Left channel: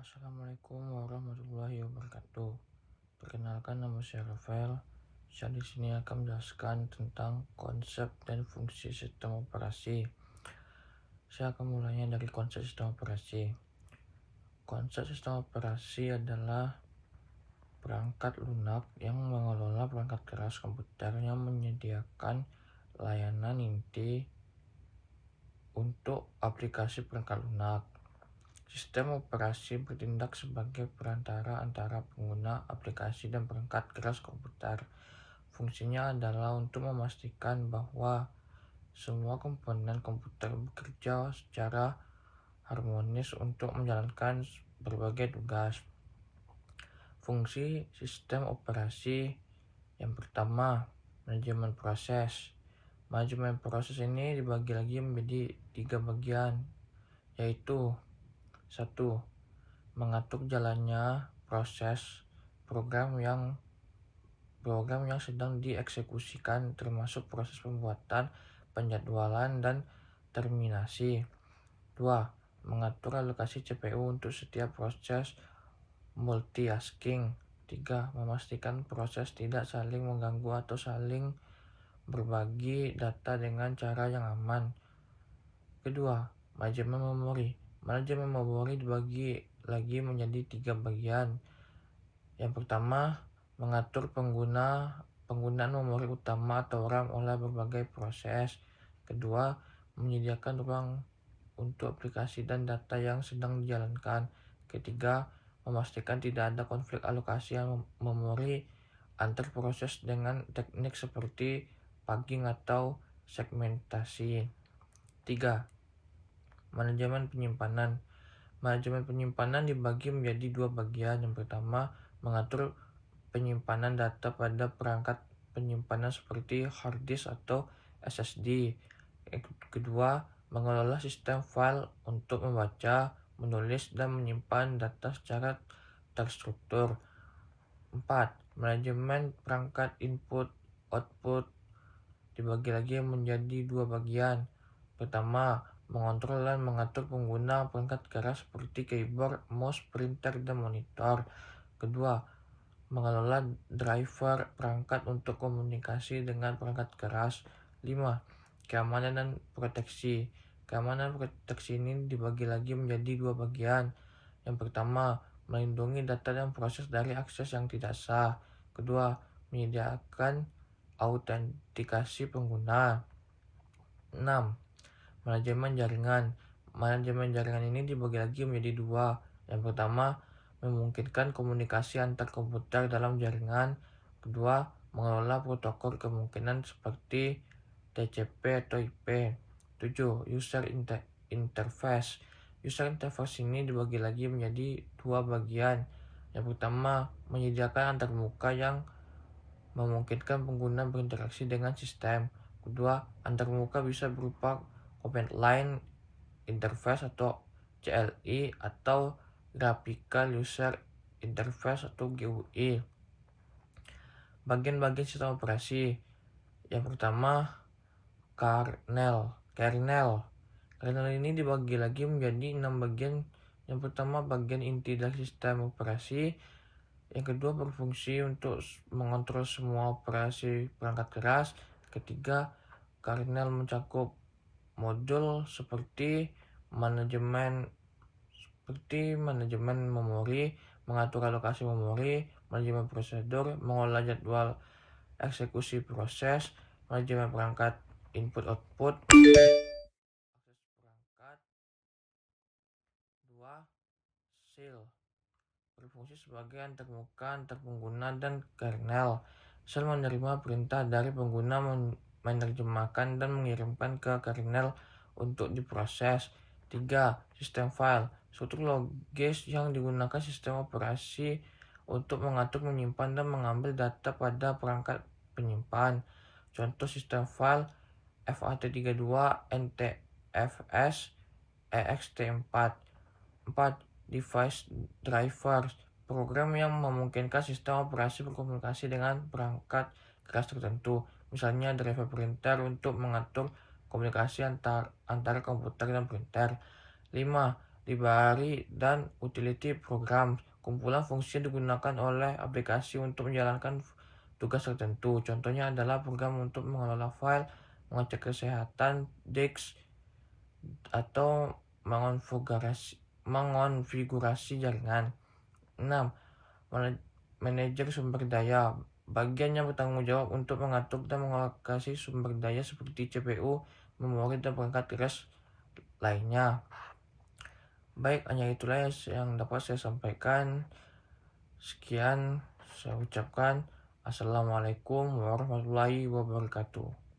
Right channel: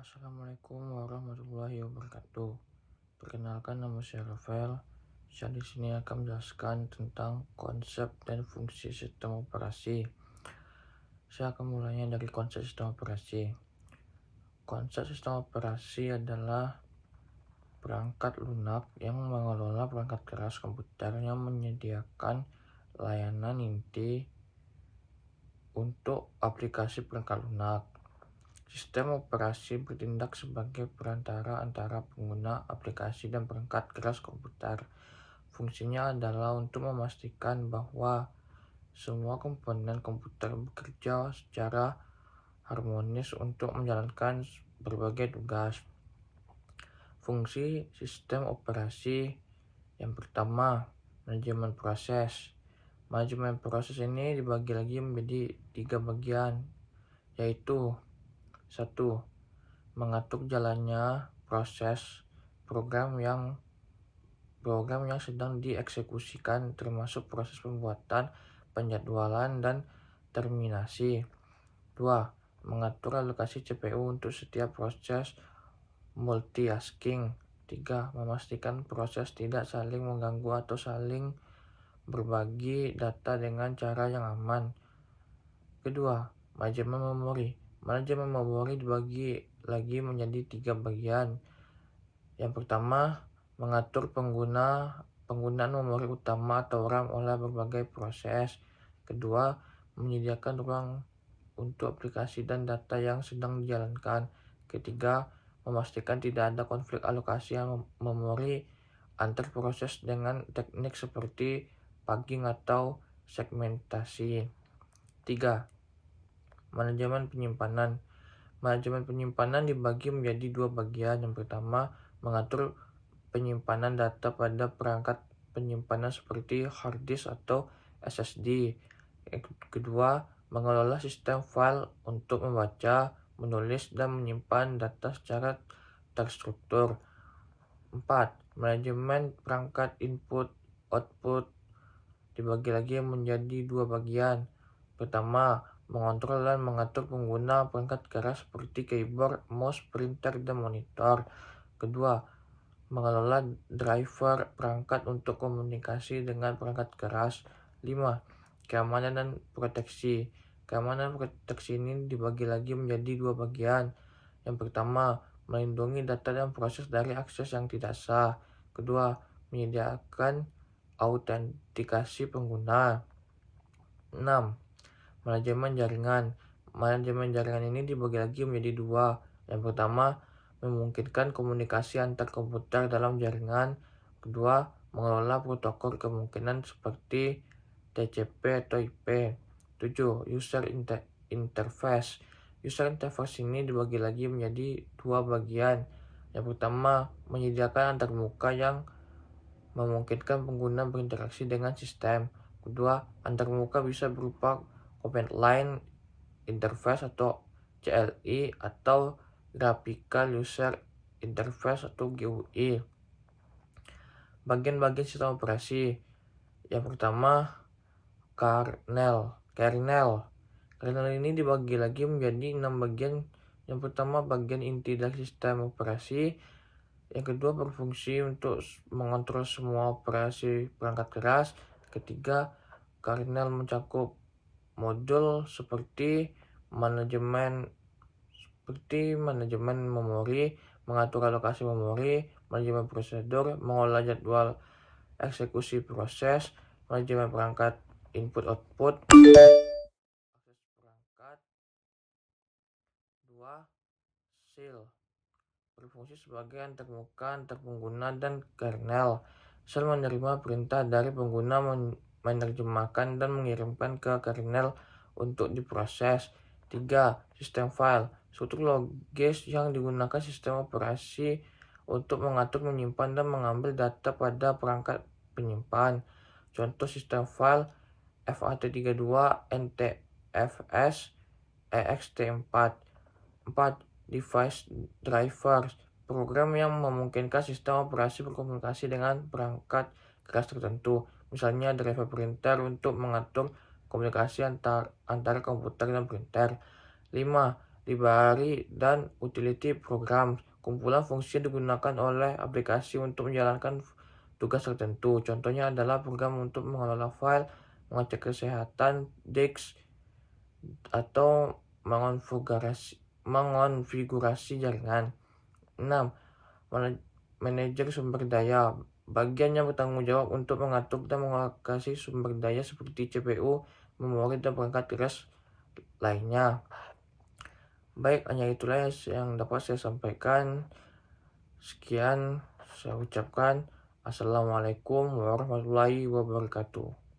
Assalamualaikum warahmatullahi wabarakatuh. Perkenalkan, nama saya Rafael. Saya di sini akan menjelaskan tentang konsep dan fungsi sistem operasi. Saya akan mulainya dari konsep sistem operasi. Konsep sistem operasi adalah perangkat lunak yang mengelola perangkat keras komputer yang menyediakan layanan inti untuk aplikasi perangkat lunak. Sistem operasi bertindak sebagai perantara antara pengguna aplikasi dan perangkat keras komputer. Fungsinya adalah untuk memastikan bahwa semua komponen komputer bekerja secara harmonis untuk menjalankan berbagai tugas. Fungsi sistem operasi yang pertama, manajemen proses. Manajemen proses ini dibagi lagi menjadi 3 bagian, yaitu 1. Mengatur jalannya proses program yang sedang dieksekusikan, termasuk proses pembuatan, penjadwalan, dan terminasi. 2. Mengatur alokasi CPU untuk setiap proses multitasking. 3. Memastikan proses tidak saling mengganggu atau saling berbagi data dengan cara yang aman. Kedua, manajemen memori. Manajemen memori dibagi lagi menjadi 3 bagian. Yang pertama, mengatur penggunaan memori utama atau RAM oleh berbagai proses. Kedua, menyediakan ruang untuk aplikasi dan data yang sedang dijalankan. Ketiga, memastikan tidak ada konflik alokasi memori antar proses dengan teknik seperti paging atau segmentasi. 3. Manajemen penyimpanan. Manajemen penyimpanan dibagi menjadi 2 bagian. Yang pertama, mengatur penyimpanan data pada perangkat penyimpanan seperti hard disk atau SSD. Kedua, mengelola sistem file untuk membaca, menulis, dan menyimpan data secara terstruktur. 4. Manajemen perangkat input-output dibagi lagi menjadi 2 bagian. Pertama, mengontrol dan mengatur pengguna perangkat keras seperti keyboard, mouse, printer, dan monitor. Kedua, mengelola driver perangkat untuk komunikasi dengan perangkat keras. 5. Keamanan dan proteksi. Keamanan dan proteksi ini dibagi lagi menjadi 2 bagian. Yang pertama, melindungi data dan proses dari akses yang tidak sah. Kedua, menyediakan autentikasi pengguna. 6. Manajemen jaringan. Manajemen jaringan ini dibagi lagi menjadi 2. Yang pertama, memungkinkan komunikasi antar komputer dalam jaringan. Kedua, mengelola protokol kemungkinan seperti TCP atau IP. 7. User interface. User interface ini dibagi lagi menjadi 2 bagian. Yang pertama, menyediakan antarmuka yang memungkinkan pengguna berinteraksi dengan sistem. Kedua, antarmuka bisa berupa command line interface atau CLI atau graphical user interface atau GUI. Bagian-bagian sistem operasi. Yang pertama, kernel. Kernel ini dibagi lagi menjadi 6 bagian. Yang pertama, bagian inti dari sistem operasi. Yang kedua, berfungsi untuk mengontrol semua operasi perangkat keras. Ketiga, kernel mencakup modul seperti manajemen memori, mengatur alokasi memori, manajemen prosedur, mengolah jadwal eksekusi proses, manajemen perangkat input-output, akses perangkat. 2. Shell berfungsi sebagai antarmuka antar pengguna dan kernel. Shell menerima perintah dari pengguna, menerjemahkan dan mengirimkan ke kernel untuk diproses. 3. Sistem file. Struktur logis yang digunakan sistem operasi untuk mengatur, menyimpan, dan mengambil data pada perangkat penyimpan. Contoh sistem file FAT32, NTFS, ext4. 4. Device drivers. Program yang memungkinkan sistem operasi berkomunikasi dengan perangkat keras tertentu. Misalnya driver printer untuk mengatur komunikasi antara komputer dan printer. 5. library, dan utility program. Kumpulan fungsi digunakan oleh aplikasi untuk menjalankan tugas tertentu. Contohnya adalah program untuk mengelola file, mengecek kesehatan disk, atau mengonfigurasi jaringan. 6. Manajer sumber daya. Bagian yang bertanggung jawab untuk mengatur dan mengalokasi sumber daya seperti CPU, memori, dan perangkat keras lainnya. Baik, hanya itulah yang dapat saya sampaikan. Sekian saya ucapkan. Assalamualaikum warahmatullahi wabarakatuh.